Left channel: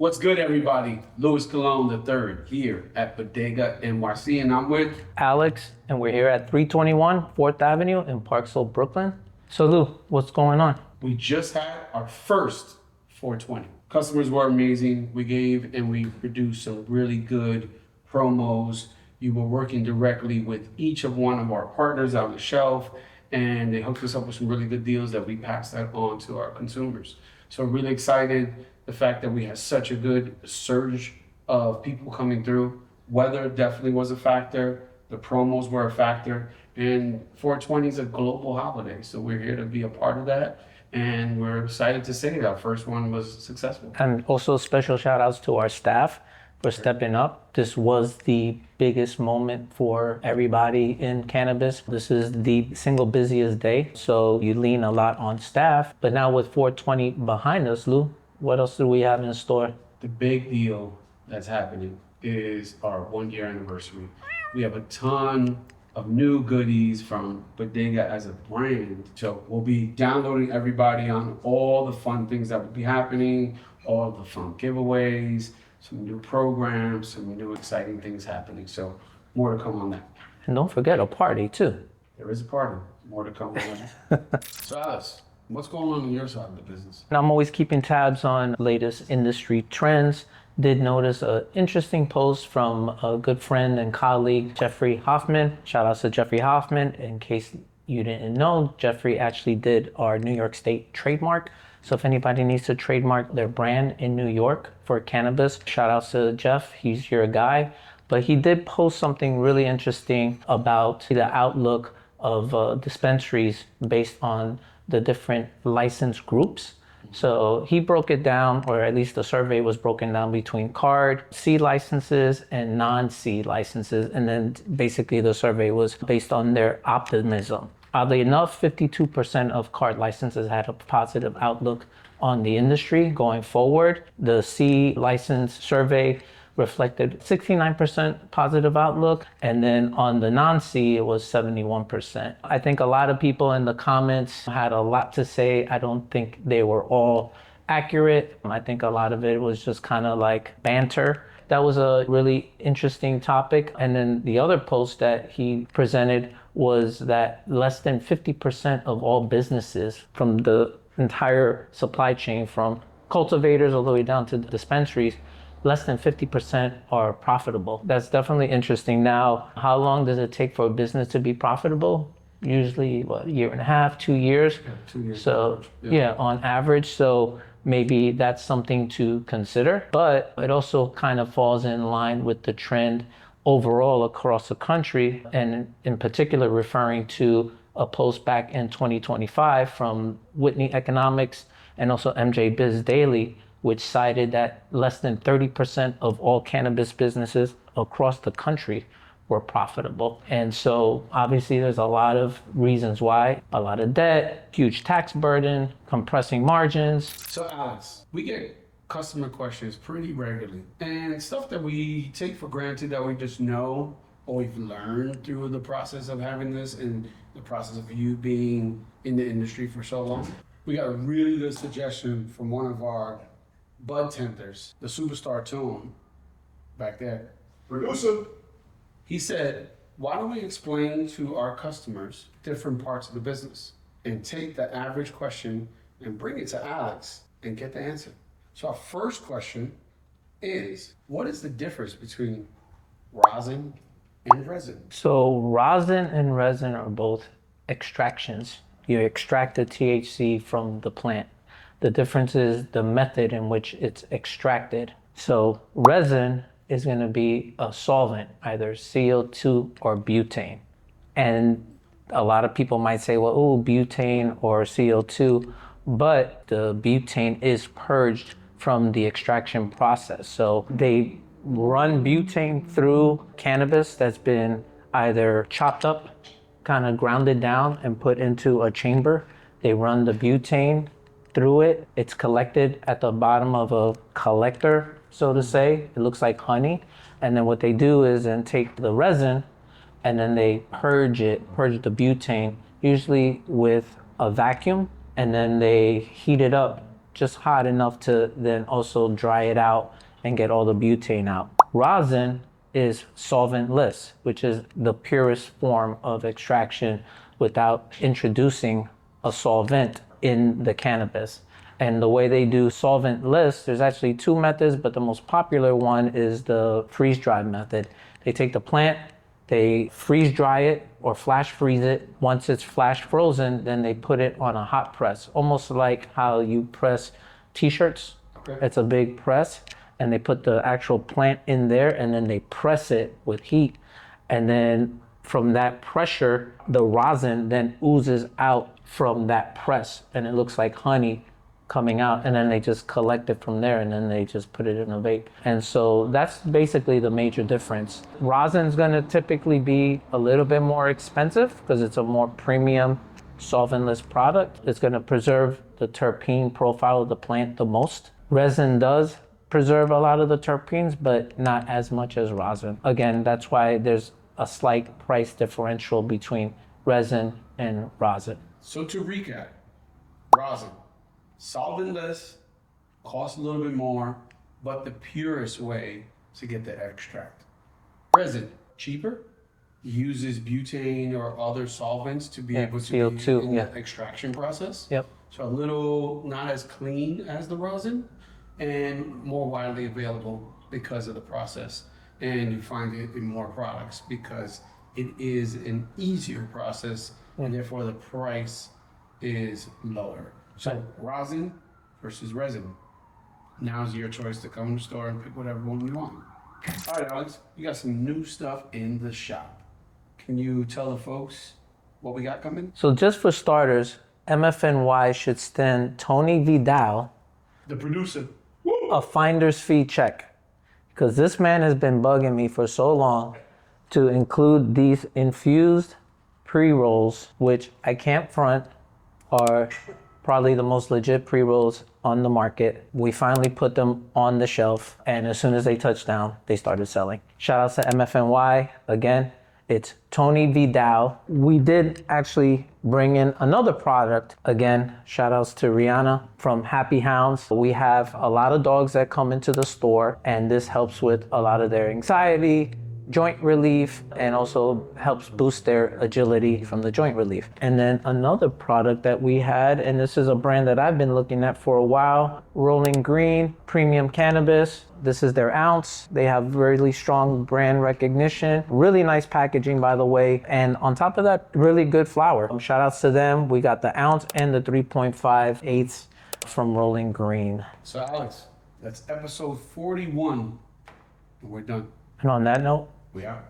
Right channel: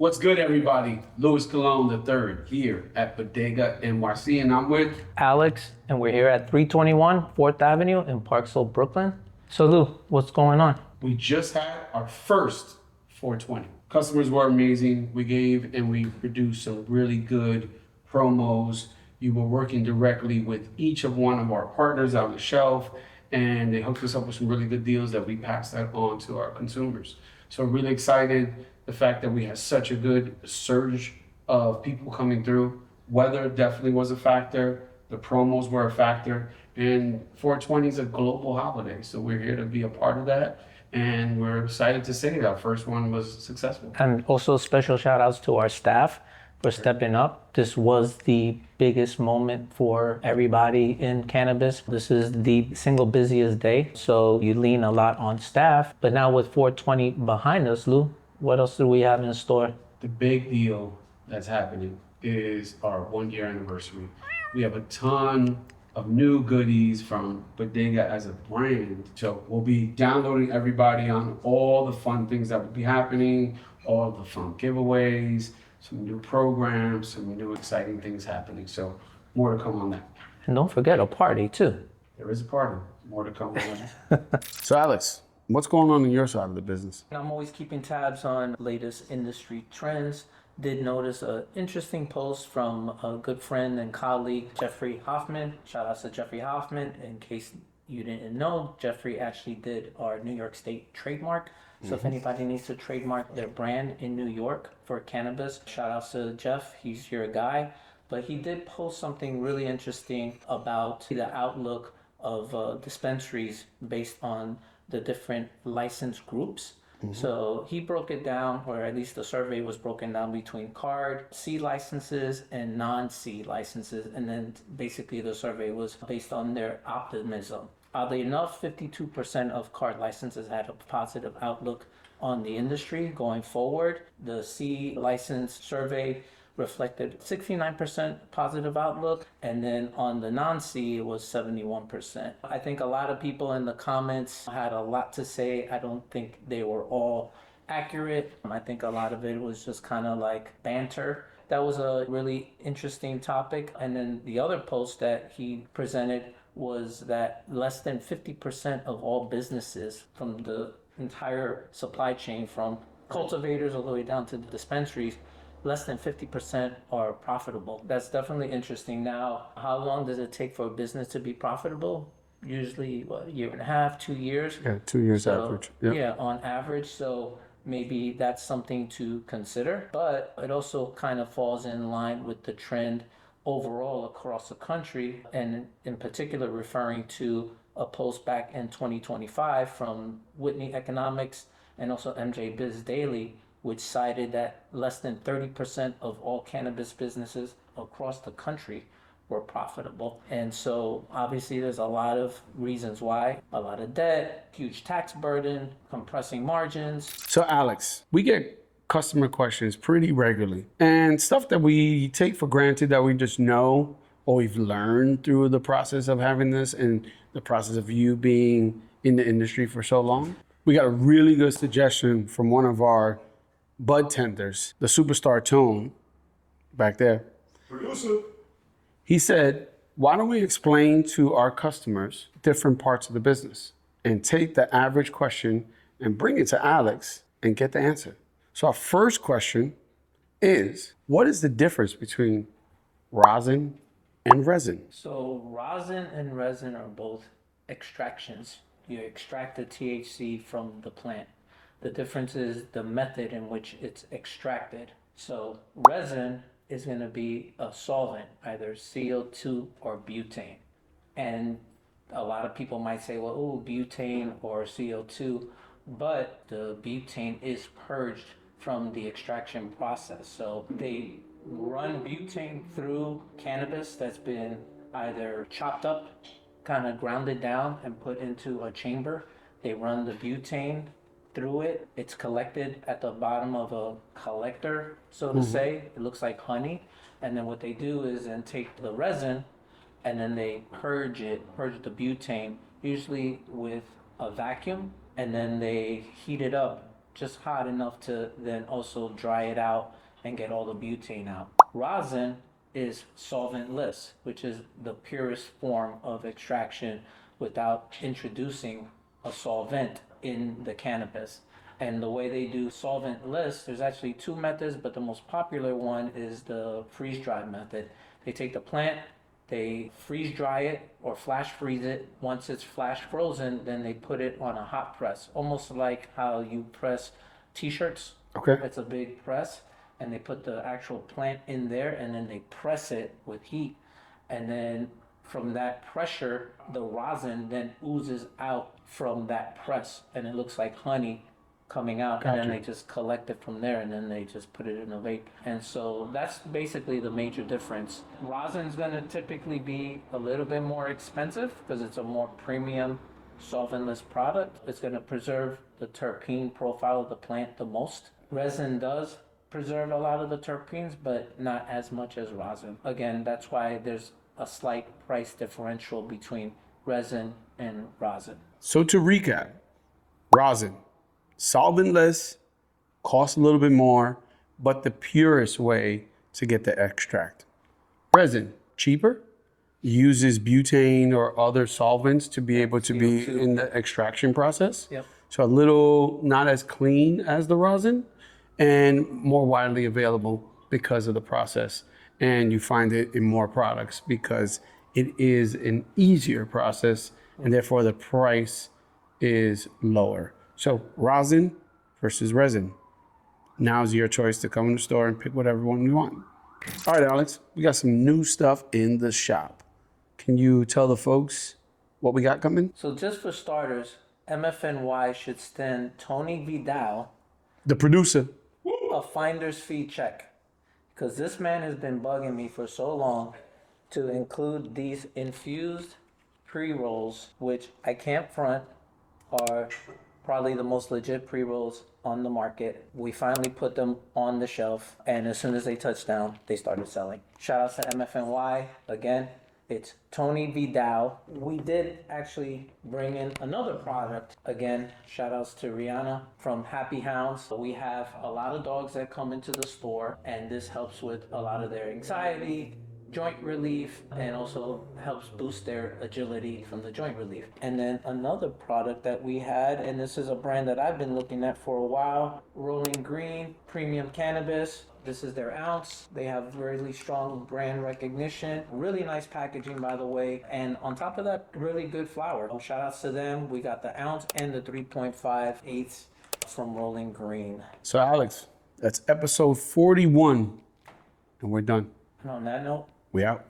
What's good, everybody? Louis Cologne III here at Budega NYC, and I'm with Alex, and we're here at 321 4th Avenue in Parksville, Brooklyn. So Lou, what's going on? We just had our first 420. Customers were amazing. We gave and we produced some really good promos. You were working directly with each of one of our partners on the shelf, and they hooked us up with some really good deals that we passed that on to our consumers. So really excited. The fact that we had such a good surge of people coming through. Weather definitely was a factor. The promos were a factor. And 420 is a global holiday. So we're here to be a part of that. And we're excited to say that our first one was successful. And also special shout outs to our staff for stepping up. This was the biggest moment for everybody in cannabis. This is the single busiest day. So you lean a lot on staff. But now with 420 behind us, Lou, what else do we have in store? The big deal that's happening is our 1 year anniversary. We have a ton of new goodies from Budega as a brand. So we'll be downloading everybody on all the fun things that will be happening, all the fun giveaways, some new programs, some new exciting things happening. So more to come on that. And don't forget a party too. There is a party. More to come on that. So Alex, what's going on your side of the business? And I'm always keeping tabs on latest industry trends. Did notice an interesting post from a good friend and colleague, Jeffrey Hoffman. Shout out to Jeffrey Hoffman. In case you didn't know, Jeffrey actually did our New York State trademark. So if anybody needs to trademark their brand in New York for cannabis, shout out to Jeff, he's your guy. But he did post something really interesting about the outlook of dispensaries based on the different license groups. So he broke it down, or at least the survey was broken down between card, C licenses, and non-C licenses. And then basically the survey was based on their optimism. Oddly enough, 52% of card licenses had a positive outlook on the industry going forward. The C license survey reflected 69% positive outlook, and then on the non-C it was 71%. I think a lot of people in the comments had a lot to say. I don't think they were all accurate. I think a lot of it was just kind of like banter. That was a really interesting topic. And then the other post that he presented was that less than 50% of all businesses from the entire supply chain, from cultivators all the way down to dispensaries, less than 50% are profitable. That's definitely interesting. Now, how long does it take for a business to be profitable? Usually, what, a year and a half, 2 years? Yeah, 2 years so, average. Yeah, on average. So maybe that's something to consider. But it also kind of falls in line with the trend overall across the country, and in particular referring to a post back in 2025 from Whitney Economics and also MJ Biz Daily, which cited that less than 30% of all cannabis businesses across the country were profitable. And so obviously there's a lot of reasons why: a lot of debt, huge tax burden, compressing margins. So Alex, we get customer questions pretty regularly, and stuff that we take for granted that we just know or we've learned through the process of having this and the process of you being in the industry for so long. We got a really good suggestion from one of our bud tenders, the superstar Tone, back there. Producer. He said, why don't we explain to our customers different parts of the business and take the average question and bring it to Alex and get the answer. So our first question is, what is the difference between rosin and resin? So rosin and resin are both extractions. You extract the THC from the plant. The difference is the method in which it's extracted. So resin is going to be a solvent, either CO2 or butane. And a lot of people might say, well, oh, butane or CO2, but the butane is purged from the extraction process. So they run butane through cannabis that's been either chopped up, kind of grounded down and put into a chamber. They run the butane through it. It's collected at the bottom of a collector, so to say. It looks like honey. And then what they do is then take the resin and then they purge the butane, usually with a vacuum, and then they heat it up just hot enough to then also dry it out and get all the butane out. Rosin is solventless, which is the purest form of extraction without introducing a solvent in the cannabis. And the way they do solventless, there's actually two methods, but the most popular one is the freeze dry method. They take the plant, they freeze dry it or flash freeze it. Once it's flash frozen, then they put it on a hot press, almost like how you press t-shirts. Okay. It's a big press, and they put the actual plant in there, and then they press it with heat. And then from that pressure, the rosin then oozes out from that press, and it looks like honey coming out, and then they just collect it from there, and then they just put it in a vape. And so that's basically the major difference. Rosin's gonna typically be a little bit more expensive because it's a more premium solventless product. It's gonna preserve the terpene profile of the plant the most. Resin does preserve a lot of the terpenes, but not as much as rosin. Again, that's why there's a slight price differential between resin and rosin. So to recap, rosin, solventless, costs a little bit more, but the purest way to get the extract. Resin, cheaper, uses butane or other solvents to be able to CO2, be in the extraction process. Yep. So a little not as clean as the rosin and more widely available because of the process. And you find it in more products because it is an easier process and therefore the price is lower. So rosin versus resin. Now's your choice to come in the store and pick whatever one you want. All right, Alex, we got some new stuff in the shop. Can you tell the folks what we got coming? So just for starters, MFNY should send Tony Vidal The producer. a finder's fee check, because this man has been bugging me for so long to include these infused pre-rolls, which I can't front are probably the most legit pre-rolls on the market. We finally put them on the shelf, and as soon as they touched down, they started selling. Shout out to MFNY again. It's Tony Vidal. We did actually bring in another product. Again, shout outs to Rihanna from Happy Hounds. We have a lot of dogs that come into the store, and this helps with a lot of their anxiety, joint relief, and also helps boost their agility from the joint relief. And then another product that we had, and this is a brand that I've been looking at for a while, Rolling Green Premium Cannabis. This is their ounce. They have really strong brand recognition. Really nice packaging, by the way. And on top of that, really good flower. Shout outs to them. We got the ounce and the 3.5/8 from Rolling Green. So Alex, that's episode 41 and we're done. And on that note, We out.